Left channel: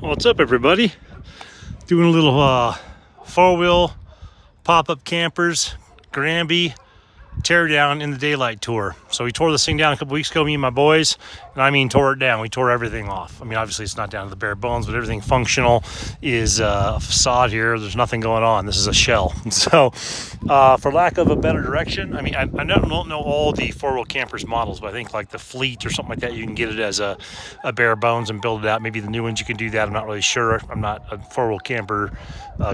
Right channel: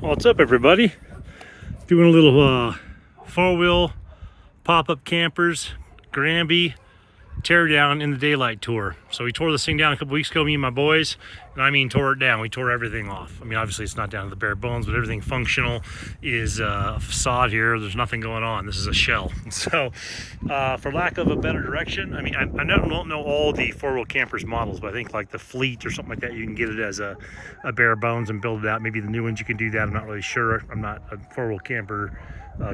What's up, everybody? Doing a little four-wheel pop-up campers, Granby tear down in the daylight tour. So we tore this thing down a couple weeks ago, me and my boys, and I mean tore it down. We tore everything off. I mean, obviously it's not down to the bare bones, but everything functional is a facade here. There's nothing going on. This is a shell. So for lack of a better direction, I mean, I don't know all the four-wheel campers models, but I think like the Fleet or something like that, you can get it as a bare bones and build it out. Maybe the new ones you can do that. I'm not really sure. I'm not a four-wheel camper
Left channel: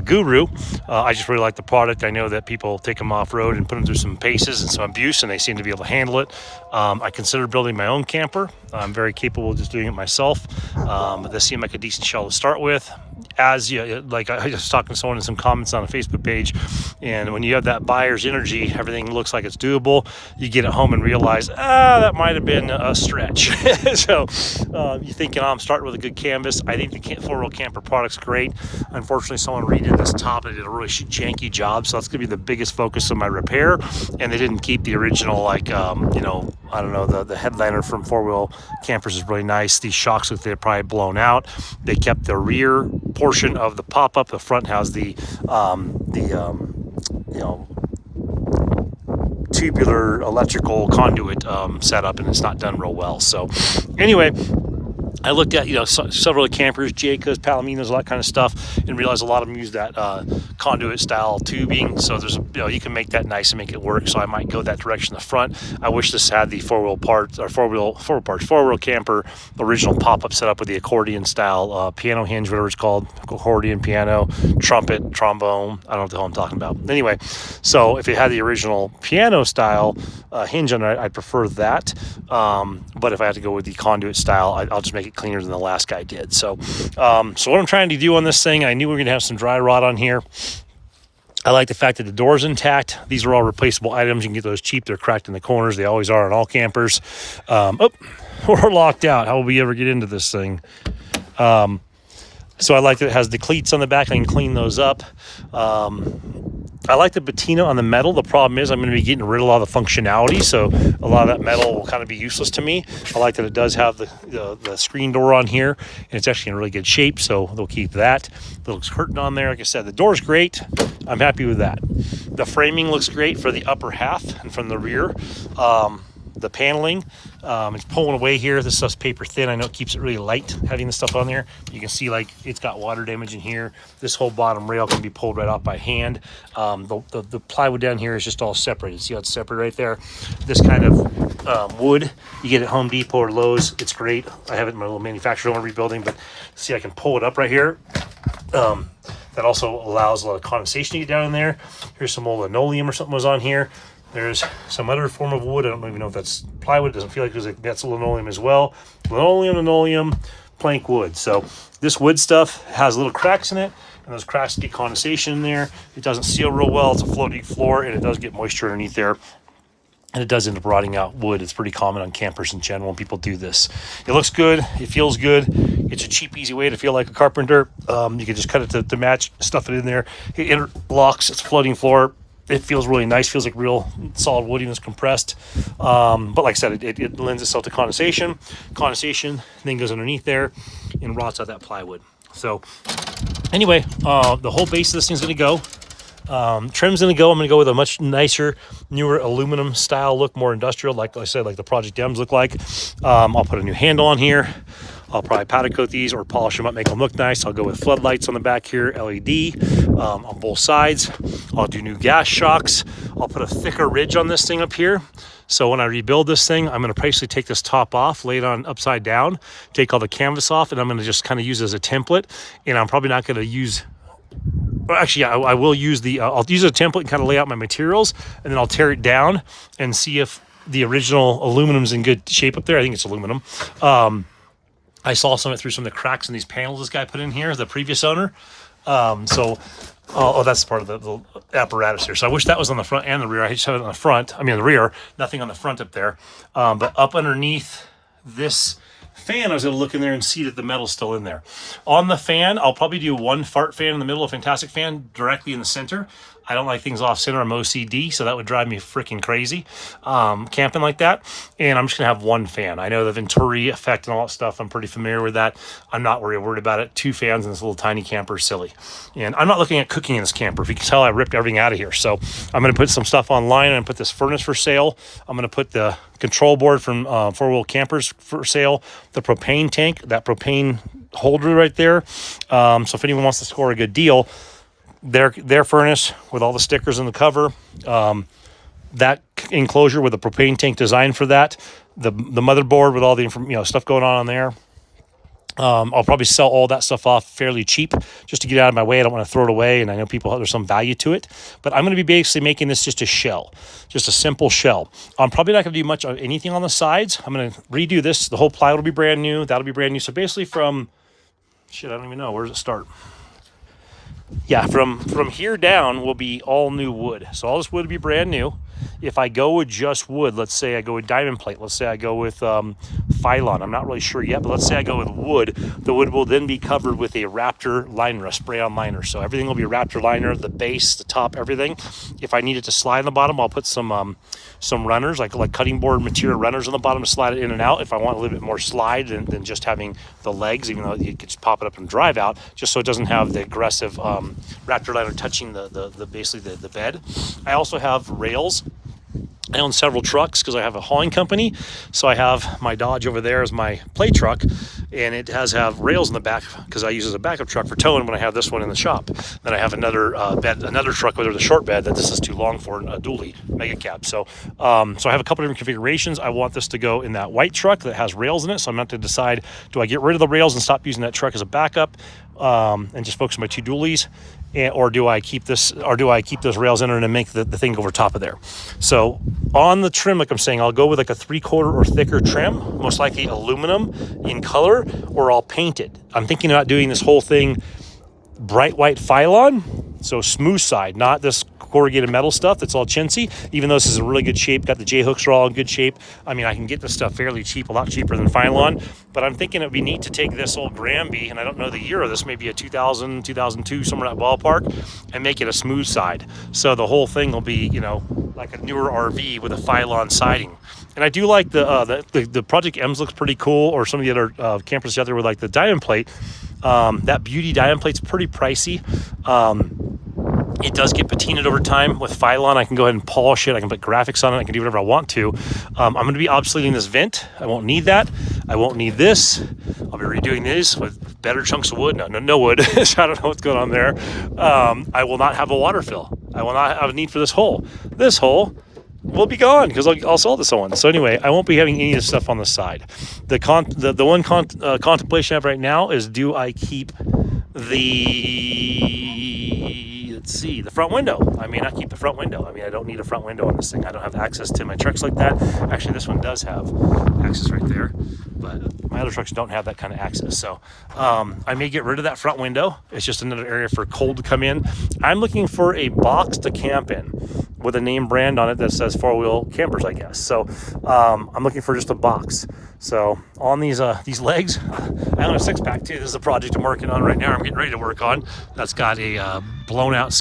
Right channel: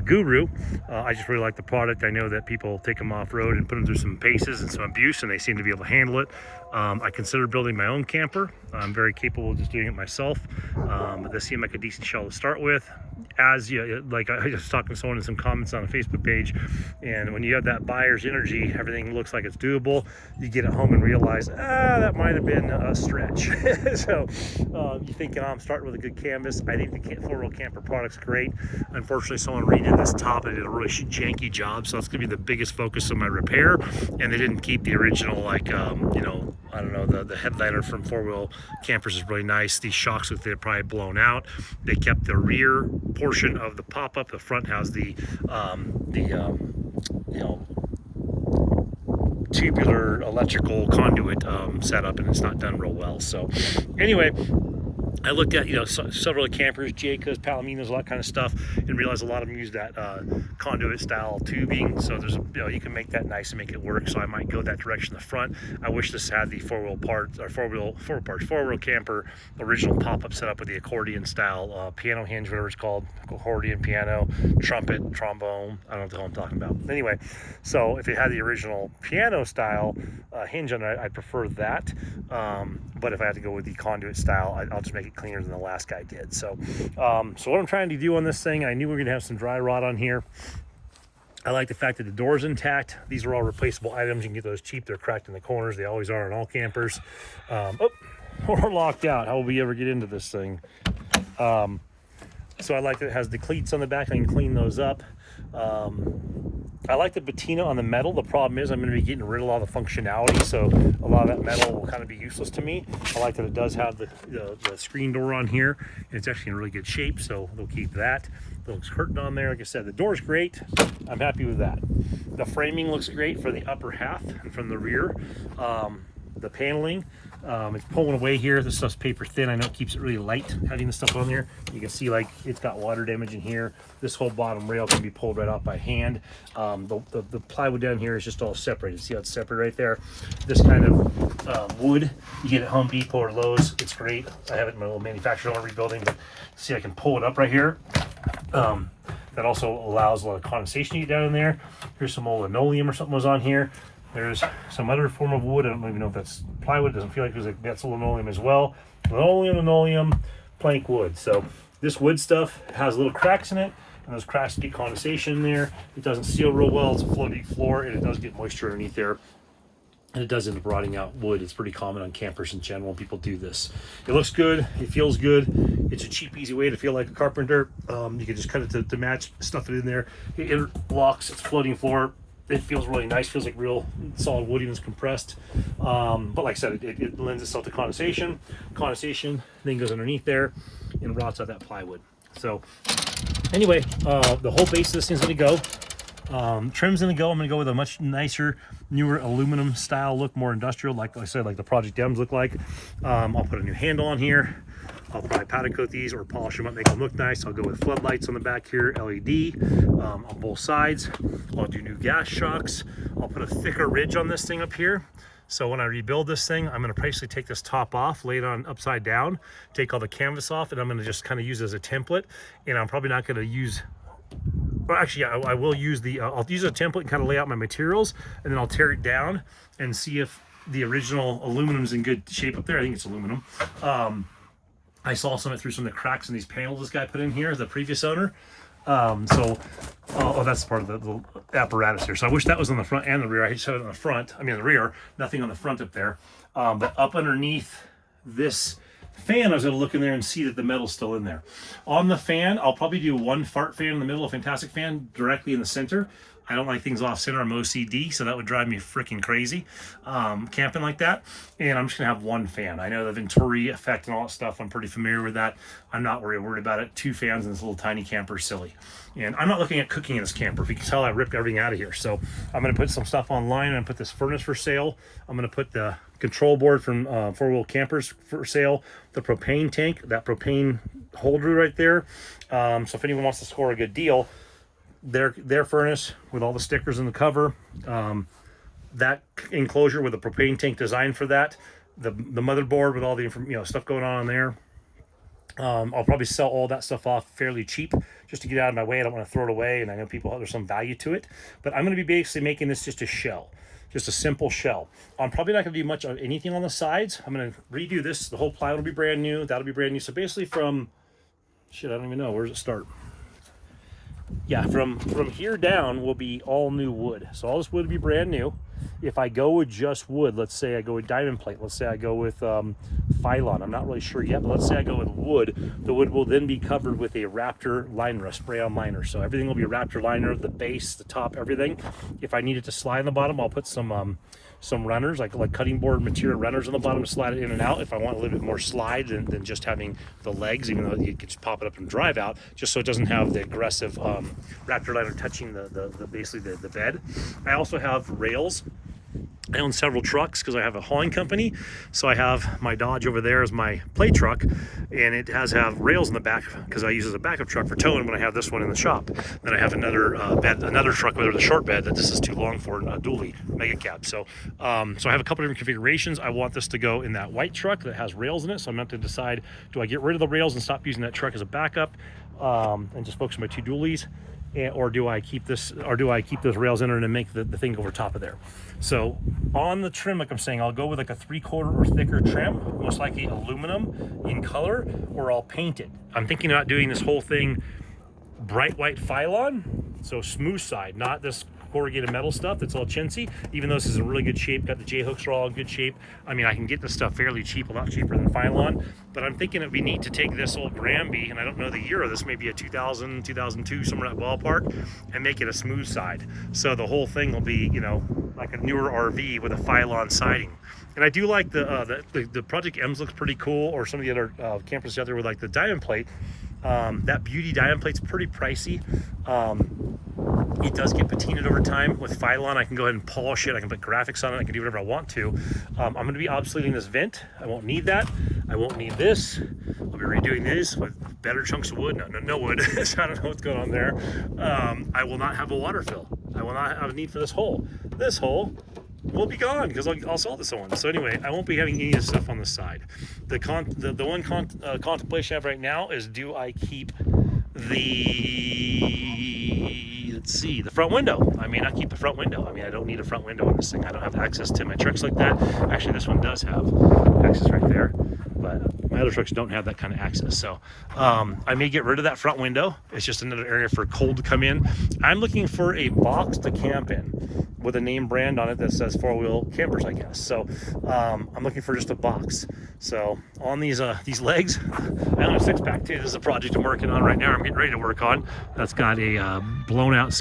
guru. I just really like the product. I know that people take them off-road and put them through some paces and some abuse, and they seem to be able to handle it. I consider building my own camper. I'm very capable of just doing it myself, but this seemed like a decent shell to start with. As you like, I was talking to someone in some comments on a Facebook page, and when you have that buyer's energy, everything looks like it's doable. You get it home and realize, that might have been a stretch. So you're thinking, I'm starting with a good canvas. I think the four-wheel camper product's great. Unfortunately, someone redid this top. They did a really janky job, so that's gonna be the biggest focus of my repair. And they didn't keep the original, like, I don't know, the headliner from four-wheel campers is really nice. These shocks look, they're probably blown out. They kept the rear portion of the pop-up. The front has the tubular electrical conduit setup, and it's not done real well. So anyway, I looked at, several campers, Jaycos, Palominos, all that kind of stuff, and realized a lot of them use that conduit style tubing. So there's you can make that nice and make it work. So I might go that direction in the front. I wish this had the four-wheel camper original pop-up setup with the accordion style piano hinge, whatever it's called, accordion, piano, trumpet, trombone. I don't know what the hell I'm talking about. Anyway, so if it had the original piano style hinge on it, I'd prefer that. But if I had to go with the conduit style, I'll just make it cleaner than the last guy did. So what I'm trying to do on this thing, I knew we were going to have some dry rot on here. I like the fact that the door's intact. These are all replaceable items. You can get those cheap. They're cracked in the corners. They always are on all campers. We're locked out. How will we ever get into this thing? So I like that it has the cleats on the back. I can clean those up. I like the patina on the metal. The problem is I'm going to be getting rid of a lot of the functionality, so a lot of that metal will kind of be useless to me. I like that it does have the screen door on here, and it's actually in really good shape, so they'll keep that. The little curtain on there, like I said, the door's great. I'm happy with that. The framing looks great for the upper half and from the rear. The paneling, it's pulling away here. This stuff's paper thin. I know it keeps it really light having this stuff on there. You can see like it's got water damage in here. This whole bottom rail can be pulled right off by hand. The plywood down here is just all separated. See how it's separated right there? This kind of wood you get at Home Depot or Lowe's. It's great. I have it in my little manufacturer I'm rebuilding, but see, I can pull it up right here. That also allows a lot of condensation to get down in there. Here's some old linoleum or something was on here. There's some other form of wood. I don't even know if that's plywood. It doesn't feel like that's linoleum as well. Linoleum, plank wood. So this wood stuff has little cracks in it, and those cracks get condensation in there. It doesn't seal real well. It's a floaty floor, and it does get moisture underneath there. And it does end up rotting out wood. It's pretty common on campers in general when people do this. It looks good. It feels good. It's a cheap, easy way to feel like a carpenter. You can just cut it to match, stuff it in there. It interlocks. It's a floating floor. It feels really nice. Feels like real solid wood, and it's compressed. But like I said, it lends itself to condensation. Condensation then goes underneath there and rots out that plywood. So anyway, the whole base of this thing's going to go. Trim's going to go. I'm going to go with a much nicer, newer aluminum style look, more industrial, like I said, like the Project M's look like. I'll put a new handle on here. I'll probably powder coat these or polish them up, make them look nice. I'll go with floodlights on the back here, LED on both sides. I'll do new gas shocks. I'll put a thicker ridge on this thing up here. So when I rebuild this thing, I'm going to basically take this top off, lay it on upside down, take all the canvas off, and I'm going to just kind of use it as a template. And I'm probably not going to use... Well, actually, yeah, I will use I'll use a template and kind of lay out my materials, and then I'll tear it down and see if the original aluminum's in good shape up there. I think it's aluminum. I saw some of it through some of the cracks in these panels this guy put in here, the previous owner. That's part of the apparatus here. So I wish that was on the front and the rear. I just have it on the front. I mean, the rear, nothing on the front up there. But up underneath this fan, I was able to look in there and see that the metal's still in there. On the fan, I'll probably do one fart fan in the middle, a fantastic fan directly in the center. I don't like things off center. I'm OCD, so that would drive me freaking crazy camping like that. And I'm just gonna have one fan. I know the Venturi effect and all that stuff. I'm pretty familiar with that. I'm not worried about it. 2 fans in this little tiny camper is silly. And I'm not looking at cooking in this camper. If you can tell, I ripped everything out of here. So I'm gonna put some stuff online and put this furnace for sale. I'm gonna put the control board from 4-wheel campers for sale, the propane tank, that propane holder right there. So if anyone wants to score a good deal, their furnace with all the stickers in the cover, that enclosure with a propane tank design for that, the motherboard with all the stuff going on there. I'll probably sell all that stuff off fairly cheap just to get out of my way. I don't want to throw it away, and I know people, there's some value to it, but I'm going to be basically making this just a shell, just a simple shell. I'm probably not going to do much of anything on the sides. I'm going to redo this. The whole plywood will be brand new. That'll be brand new. So basically from, I don't even know, where does it start? Yeah, from here down will be all new wood. So all this wood will be brand new. If I go with just wood, let's say I go with diamond plate, let's say I go with Phylon, I'm not really sure yet, but let's say I go with wood, the wood will then be covered with a Raptor liner, a spray-on liner. So everything will be a Raptor liner, the base, the top, everything. If I need it to slide on the bottom, I'll put some runners, like cutting board material runners on the bottom to slide it in and out. If I want a little bit more slide than just having the legs, even though you could just pop it up and drive out, just so it doesn't have the aggressive Raptor liner touching basically the bed. I also have rails. I own several trucks because I have a hauling company. So I have my Dodge over there as my play truck, and it has rails in the back because I use it as a backup truck for towing when I have this one in the shop. Then I have another another truck with a short bed that this is too long for, a dually mega cab. So I have a couple different configurations. I want this to go in that white truck that has rails in it. So I'm going to decide, do I get rid of the rails and stop using that truck as a backup and just focus on my 2 dualies? Or do I keep those rails in there and make the thing go over top of there? So on the trim, like I'm saying, I'll go with like a 3/4 or thicker trim, most likely aluminum in color, or I'll paint it. I'm thinking about doing this whole thing bright white Phylon, so smooth side, not this corrugated metal stuff that's all chintzy. Even though this is in really good shape, got the J-hooks are all in good shape. I mean, I can get this stuff fairly cheap, a lot cheaper than Phylon, but I'm thinking it'd be neat to take this old Granby, and I don't know the year of this, maybe a 2000, 2002, somewhere in that ballpark, and make it a smooth side. So the whole thing will be, like a newer RV with a Phylon siding. And I do like the Project M's looks pretty cool, or some of the other campers out there with like the diamond plate. That Beauty diamond plate's pretty pricey. It does get patinaed over time. With Phylon, I can go ahead and polish it. I can put graphics on it. I can do whatever I want to. I'm going to be obsoleting this vent. I won't need that. I won't need this. I'll be redoing this with better chunks of wood. No wood. So I don't know what's going on there. I will not have a water fill. I will not have a need for this hole. This hole will be gone because I'll sell it to someone. So anyway, I won't be having any of this stuff on the side. The one contemplation I have right now is, do I keep the front window? I may not keep the front window. I mean, I don't need a front window on this thing. I don't have access to my trucks like that. Actually, this one does have access right there, but my other trucks don't have that kind of access. So I may get rid of that front window. It's just another area for cold to come in. I'm looking for a box to camp in with a name brand on it that says 4-wheel campers, I guess. So I'm looking for just a box. So on these legs, I own a 6-pack too. This is a project I'm working on right now. I'm getting ready to work on. That's got a blown out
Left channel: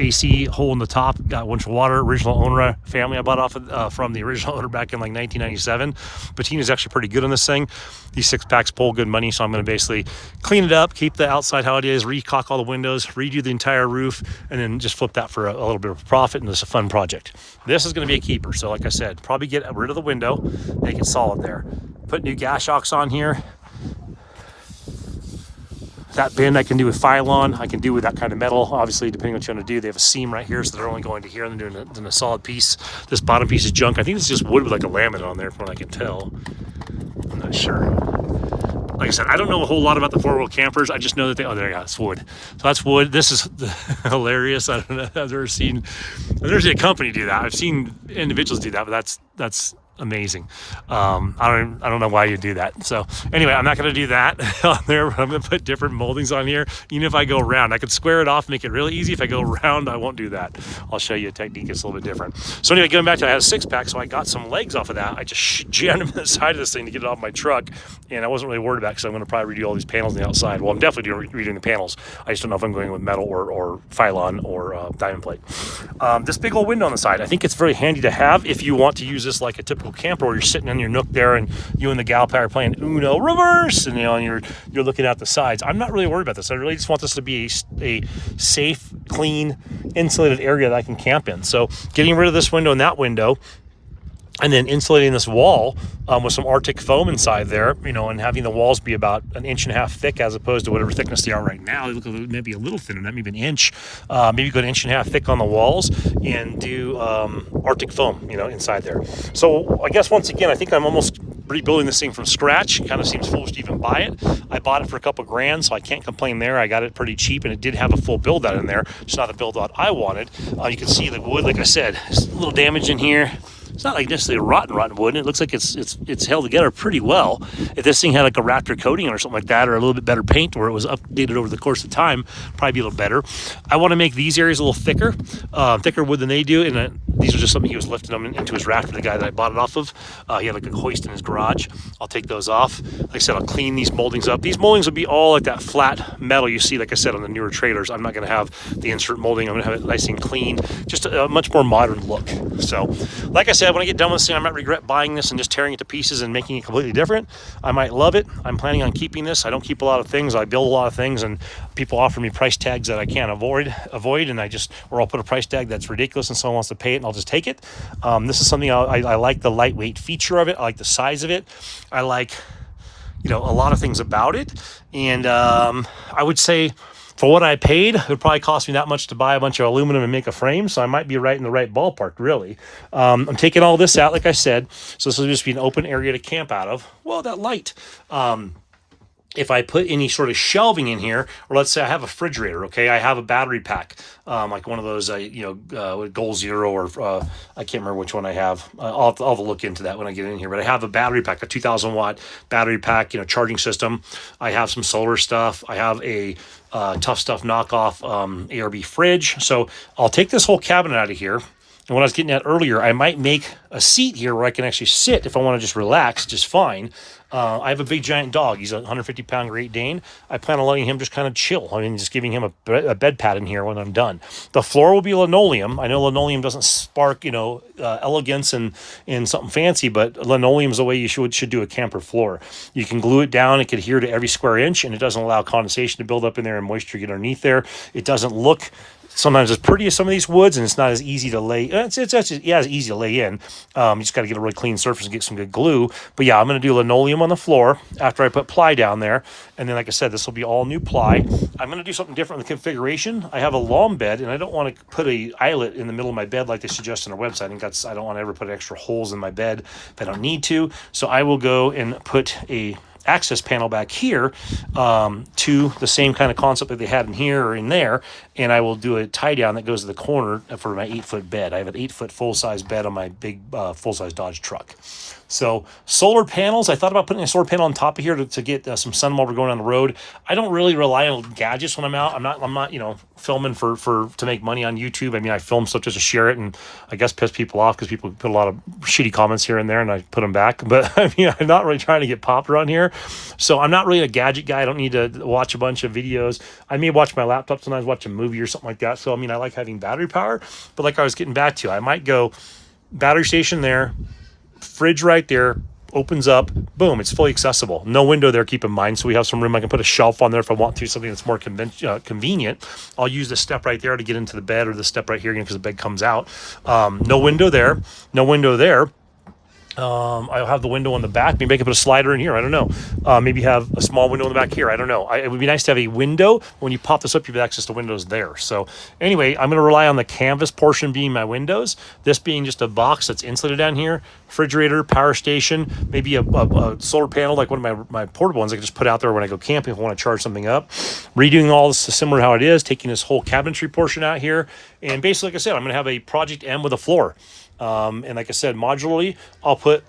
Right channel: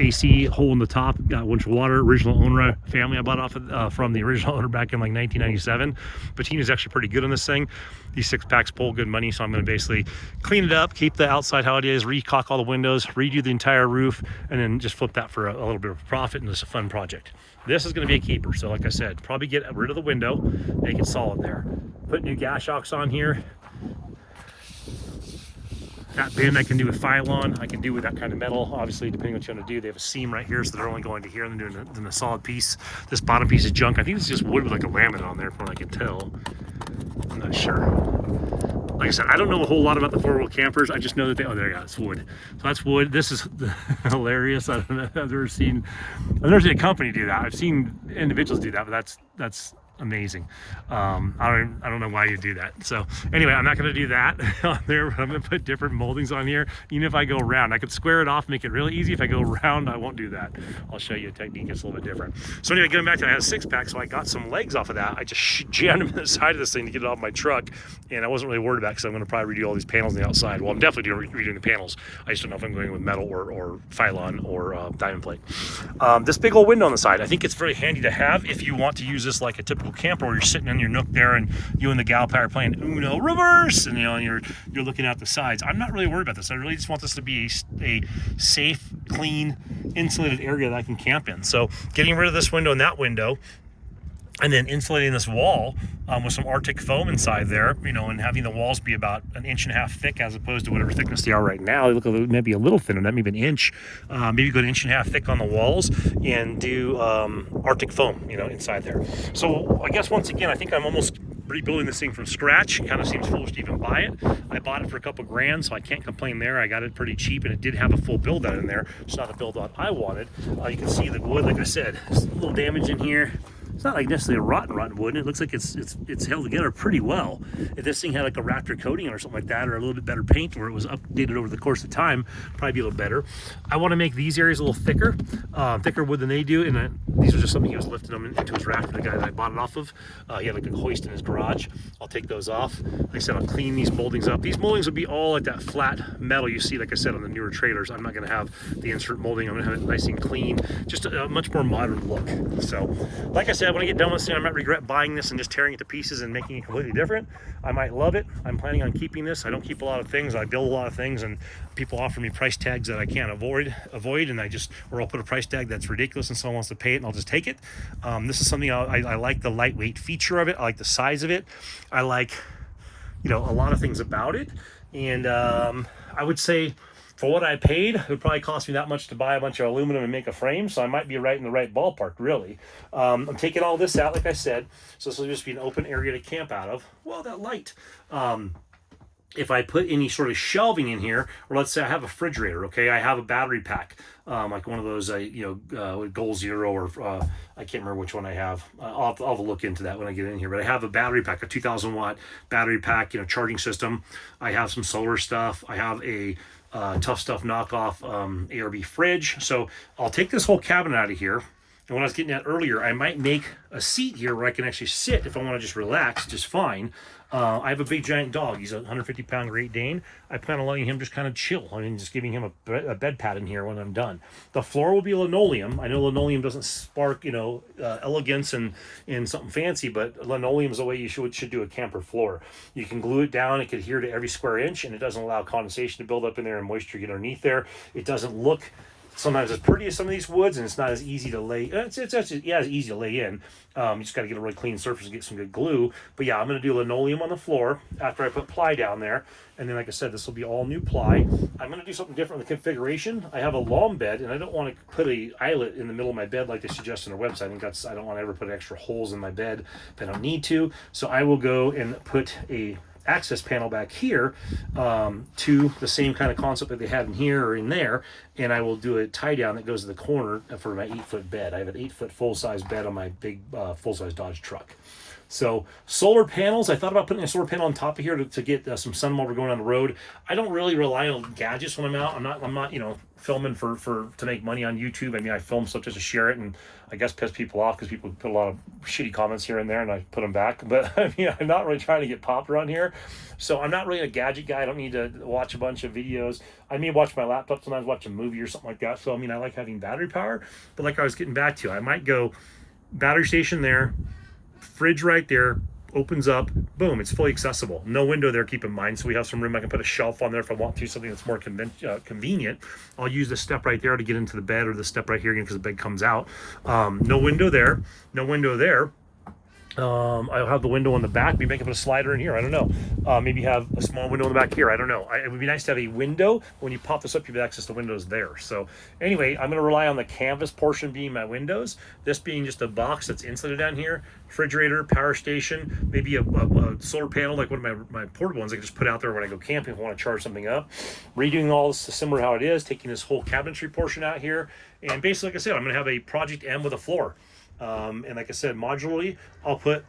AC hole in the top. Got a bunch of water. Original owner family I bought off from the original owner back in like 1997. Patina's actually pretty good on this thing. These 6-packs pull good money, so I'm going to basically clean it up, keep the outside how it is, recaulk all the windows, redo the entire roof, and then just flip that for a little bit of profit, and it's a fun project. This is going to be a keeper. So like I said, probably get rid of the window, make it solid there. Put new gas shocks on here. That bend I can do with Phylon. I can do with that kind of metal, obviously, depending on what you want to do. They have a seam right here, so they're only going to here and doing a solid piece. This bottom piece is junk. I think it's just wood with like a laminate on there, from what I can tell. I'm not sure. Like I said, I don't know a whole lot about the 4-wheel campers. I just know that it's wood. So that's wood. This is hilarious. I don't know. I've never seen a company do that. I've seen individuals do that, but that's amazing. I don't know why you do that. So anyway, I'm not going to do that on there. I'm going to put different moldings on here. Even if I go round, I could square it off, make it really easy. If I go round, I won't do that. I'll show you a technique that's a little bit different. So anyway, going back to, I had a 6-pack, so I got some legs off of that. I just jammed them in the side of this thing to get it off my truck, and I wasn't really worried about it because I'm going to probably redo all these panels on the outside. Well, I'm definitely redoing the panels. I just don't know if I'm going with metal or Phylon or diamond plate. This big old window on the side, I think it's very handy to have if you want to use this like a typical camper where you're sitting in your nook there and you and the gal pal are playing Uno reverse, and and you're looking out the sides. I'm not really worried about this. I really just want this to be a safe, clean, insulated area that I can camp in. So getting rid of this window and that window, and then insulating this wall with some Arctic foam inside there, and having the walls be about 1.5 inches thick as opposed to whatever thickness they are right now. They look maybe a little thinner, maybe 1 inch. Maybe go 1.5 inches thick on the walls and do Arctic foam, inside there. So I guess once again, I think I'm almost rebuilding this thing from scratch. It kind of seems foolish to even buy it. I bought it for a couple grand, so I can't complain there. I got it pretty cheap, and it did have a full build out in there. It's not a build out I wanted. You can see the wood, like I said, there's a little damage in here. It's not like necessarily a rotten wood. It looks like it's held together pretty well. If this thing had like a Raptor coating or something like that, or a little bit better paint, or it was updated over the course of time, probably be a little better. I want to make these areas a little thicker wood than they do. And these are just something he was lifting them into his rafter, the guy that I bought it off of. He had like a hoist in his garage. I'll take those off. Like I said, I'll clean these moldings up. These moldings will be all like that flat metal you see, like I said, on the newer trailers. I'm not going to have the insert molding. I'm going to have it nice and clean, just a much more modern look. So, like I said, when I get done with this thing, I might regret buying this and just tearing it to pieces and making it completely different. I might love it. I'm planning on keeping this. I don't keep a lot of things. I build a lot of things, and people offer me price tags that I can't avoid, and or I'll put a price tag that's ridiculous and someone wants to pay it, and I'll just take it. This is something I like the lightweight feature of it. I like the size of it. I like, a lot of things about it. And I would say, for what I paid, it would probably cost me that much to buy a bunch of aluminum and make a frame, so I might be right in the right ballpark, really. I'm taking all this out, like I said, so this will just be an open area to camp out of. Well, that light. If I put any sort of shelving in here, or let's say I have a refrigerator, okay, I have a battery pack, like one of those, Goal Zero, or I can't remember which one I have. I'll have to look into that when I get in here. But I have a battery pack, a 2,000 watt battery pack, charging system. I have some solar stuff. I have a Tough Stuff knockoff ARB fridge. So I'll take this whole cabinet out of here. And what I was getting at earlier, I might make a seat here where I can actually sit if I want to just relax just fine. I have a big giant dog. He's a 150-pound Great Dane. I plan on letting him just kind of chill. I mean, just giving him a bed pad in here when I'm done. The floor will be linoleum. I know linoleum doesn't spark, elegance and something fancy, but linoleum is the way you should do a camper floor. You can glue it down. It can adhere to every square inch, and it doesn't allow condensation to build up in there and moisture get underneath there. It doesn't look sometimes as pretty as some of these woods, and it's not as easy to lay. It's easy to lay in. You just got to get a really clean surface and get some good glue. But yeah, I'm going to do linoleum on the floor after I put ply down there. And then, like I said, this will be all new ply. I'm going to do something different in the configuration. I have a long bed, and I don't want to put a eyelet in the middle of my bed like they suggest on their website. I don't want to ever put extra holes in my bed if I don't need to. So I will go and put a access panel back here to the same kind of concept that they had in here or in there, and I will do a tie down that goes to the corner for my 8-foot bed. I have an 8-foot full-size bed on my big full-size Dodge truck. So solar panels, I thought about putting a solar panel on top of here to get some sun while we're going on the road. I don't really rely on gadgets when I'm out. I'm not filming to make money on YouTube. I mean, I film stuff just to share it, and I guess piss people off because people put a lot of shitty comments here and there, and I put them back. But I mean, I'm not really trying to get popular on here. So I'm not really a gadget guy. I don't need to watch a bunch of videos. I may watch my laptop sometimes, watch a movie or something like that. So I mean, I like having battery power. But like I was getting back to, I might go battery station there, fridge right there, opens up, boom, it's fully accessible. No window there, keep in mind, so we have some room. I can put a shelf on there if I want to, something that's more convenient. I'll use the step right there to get into the bed, or the step right here because the bed comes out. No window there, no window there. I'll have the window on the back. Maybe I can put a slider in here. I don't know. Maybe have a small window in the back here. I don't know. It would be nice to have a window. When you pop this up, you have access to windows there. So anyway, I'm going to rely on the canvas portion being my windows. This being just a box that's insulated down here. Refrigerator, power station, maybe a solar panel like one of my portable ones I can just put out there when I go camping if I want to charge something up. Redoing all this similar to how it is, taking this whole cabinetry portion out here. And basically, like I said, I'm going to have a Project M with a floor. And like I said, modularly, I'll put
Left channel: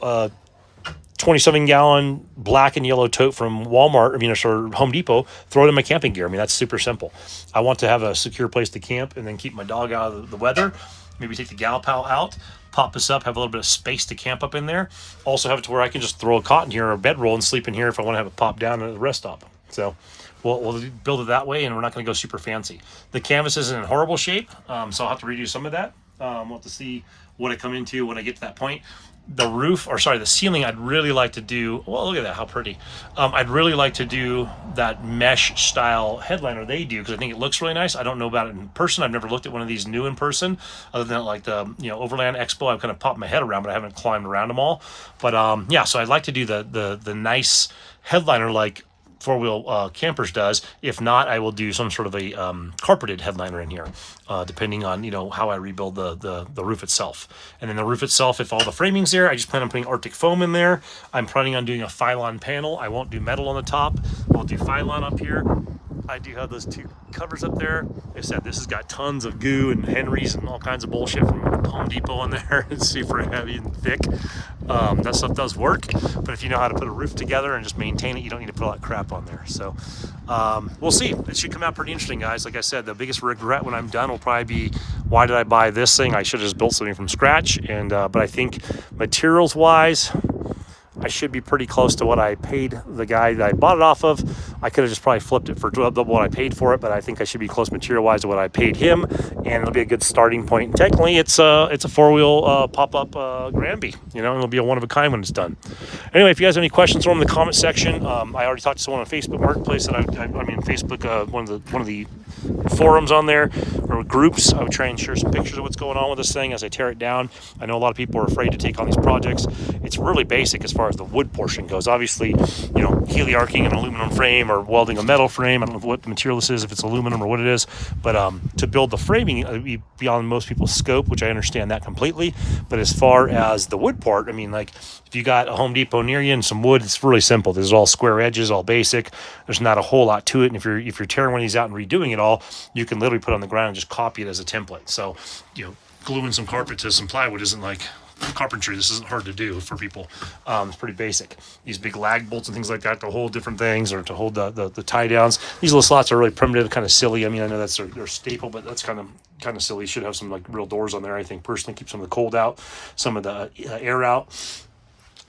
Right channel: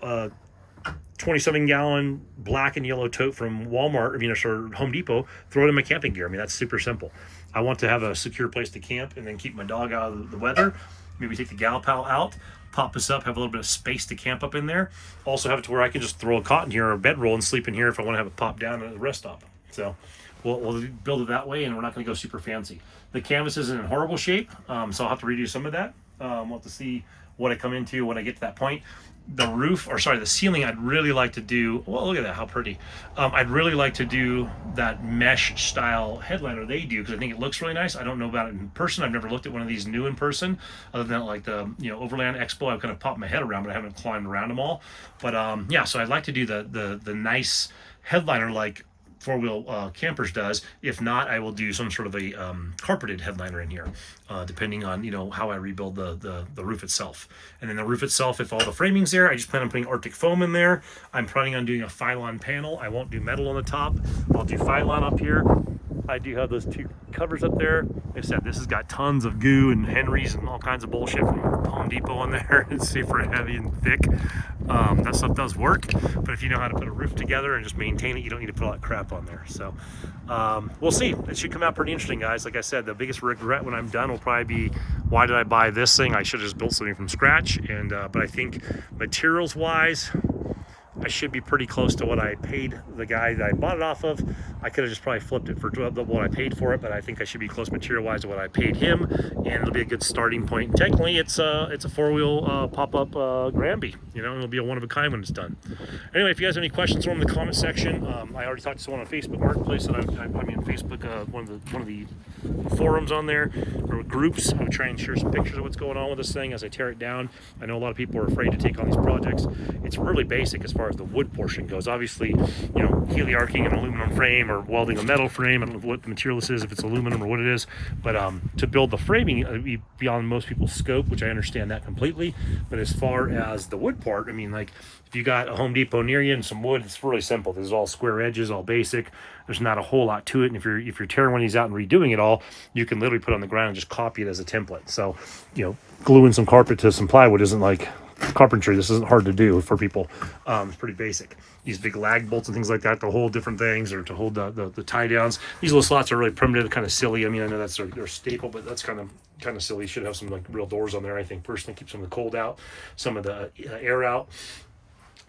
27-gallon black and yellow tote from Walmart, or Home Depot, throw it in my camping gear. I mean, that's super simple. I want to have a secure place to camp and then keep my dog out of the weather. Maybe take the gal pal out, pop this up, have a little bit of space to camp up in there. Also have it to where I can just throw a cot in here or a bedroll and sleep in here if I want to have it pop down at the rest stop. So we'll build it that way, and we're not going to go super fancy. The canvas isn't in horrible shape, so I'll have to redo some of that. We'll have to see what I come into when I get to that point. The roof, or sorry, the ceiling, I'd really like to do, well, look at that, how pretty. I'd really like to do that mesh style headliner they do, because I think it looks really nice. I don't know about it in person. I've never looked at one of these new in person, other than like the Overland Expo. I've kind of popped my head around, but I haven't climbed around them all. But yeah, so I'd like to do the nice headliner like four-wheel campers does. If not, I will do some sort of a carpeted headliner in here, depending on how I rebuild the roof itself. And then the roof itself, if all the framing's there, I just plan on putting Arctic foam in there. I'm planning on doing a Phylon panel. I won't do metal on the top. I'll do Phylon up here. I do have those two covers up there. Like I said, this has got tons of goo and Henrys and all kinds of bullshit from Home Depot on there. It's super heavy and thick. That stuff does work, but if you know how to put a roof together and just maintain it, you don't need to put all that crap on there. So we'll see. It should come out pretty interesting, guys. Like I said, the biggest regret when I'm done will probably be, why did I buy this thing? I should have just built something from scratch. And but I think materials wise, I should be pretty close to what I paid the guy that I bought it off of. I could have just probably flipped it for double what I paid for it, but I think I should be close material-wise to what I paid him, and it'll be a good starting point. And technically, it's a four-wheel pop-up Granby. It'll be a one-of-a-kind when it's done. Anyway, if you guys have any questions, throw them in the comment section. I already talked to someone on Facebook Marketplace that Facebook, one of the forums on there, or groups. I would try and share some pictures of what's going on with this thing as I tear it down. I know a lot of people are afraid to take on these projects. It's really basic as far as the wood portion goes. Obviously, heliarching an aluminum frame or welding a metal frame. I don't know what the material this is, if it's aluminum or what it is, but to build the framing, it'd be beyond most people's scope, which I understand that completely. But as far as the wood part, if you got a Home Depot near you and some wood, it's really simple. There's all square edges, all basic. There's not a whole lot to it. And if you're tearing one of these out and redoing it all, you can literally put it on the ground and just copy it as a template. So, gluing some carpet to some plywood isn't like carpentry. This isn't hard to do for people. It's pretty basic. These big lag bolts and things like that to hold different things, or to hold the tie downs. These little slots are really primitive, kind of silly. I know that's their staple, but that's kind of silly. You should have some like real doors on there, I think, personally. Keep some of the cold out, some of the air out.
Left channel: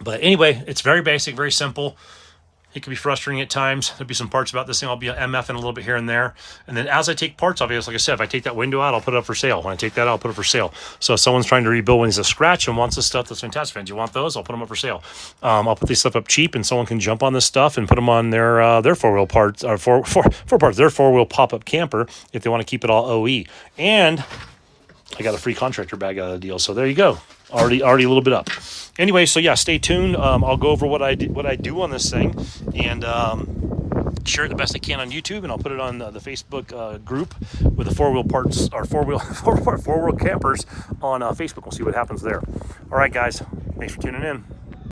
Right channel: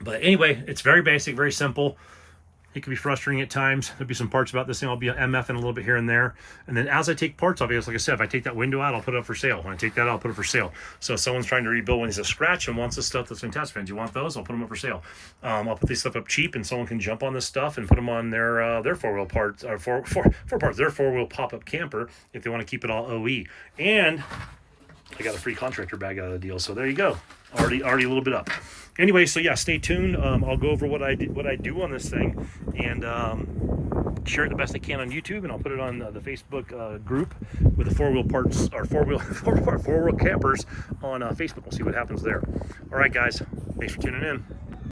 But anyway, it's very basic, very simple. It can be frustrating at times. There'll be some parts about this thing I'll be MFing a little bit here and there. And then as I take parts off, like I said, if I take that window out, I'll put it up for sale. When I take that out, I'll put it for sale. So if someone's trying to rebuild one, he's a scratch and wants this stuff, that's fantastic. Fans, you want those? I'll put them up for sale. I'll put this stuff up cheap, and someone can jump on this stuff and put them on their four-wheel parts, or four parts, their four-wheel pop-up camper if they want to keep it all OE. And I got a free contractor bag out of the deal. So there you go. Already a little bit up. Anyway, so yeah, stay tuned. I'll go over what I do on this thing, and share it the best I can on YouTube, and I'll put it on the Facebook group with the four-wheel parts, or four-wheel campers on Facebook. We'll see what happens there. All right, guys, thanks for tuning in.